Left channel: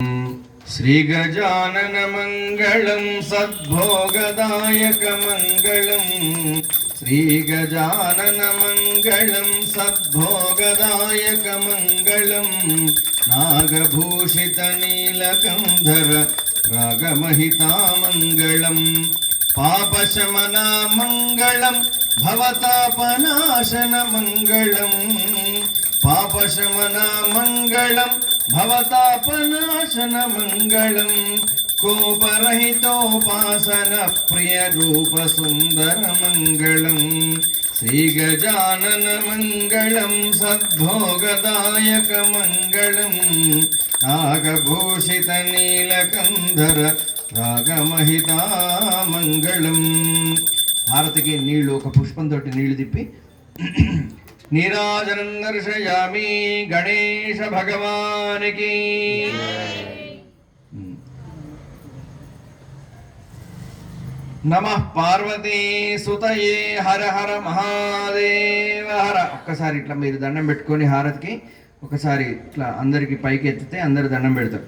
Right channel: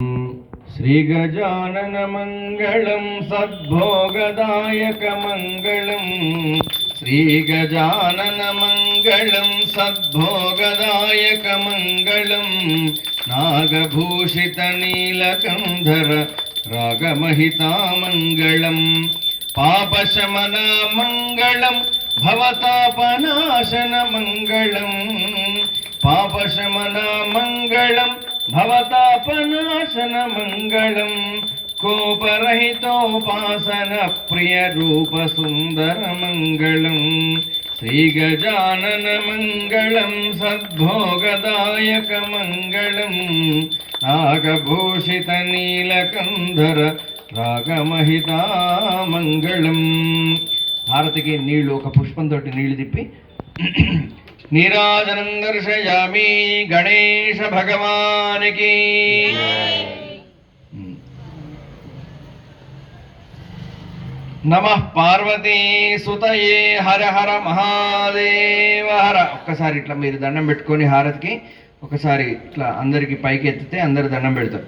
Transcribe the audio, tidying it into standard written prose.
श्रीगजाननमङ्गलं सद्भोगदायकमङ्गलं श्रीगजाननमङ्गलं सद्भोगदायकमङ्गलं नागभूषितनीलकन्धर रागमहितामङ्गलं पापशमनामङ्गलं भवतापनाशनमङ्गलं पापशमनामङ्गलं भवतापनाशनमङ्गलं कोपरहितोपासनप्रियरूपसुन्दरमङ्गलं श्रीगजाननमङ्गलं सद्भोगदायकमङ्गलं नागभूषितनीलकन्धर రాగమహితామంగళం. హారతికి నీళ్లు ఒక పుష్పంతో నీళ్లు తిప్పి నీరాజనం దర్శయామి. గణేశ భగవానికి నమః. పార్వతీ సుతయే హర హర మహాదేవ హర. ఒక్కసారి ఇట్లా మీరు దండం పెట్టుకొని హారతికి ఒకసారి ఇట్లా అందరికి పైకి ఎత్తితే అందరు దండం పెడతారు.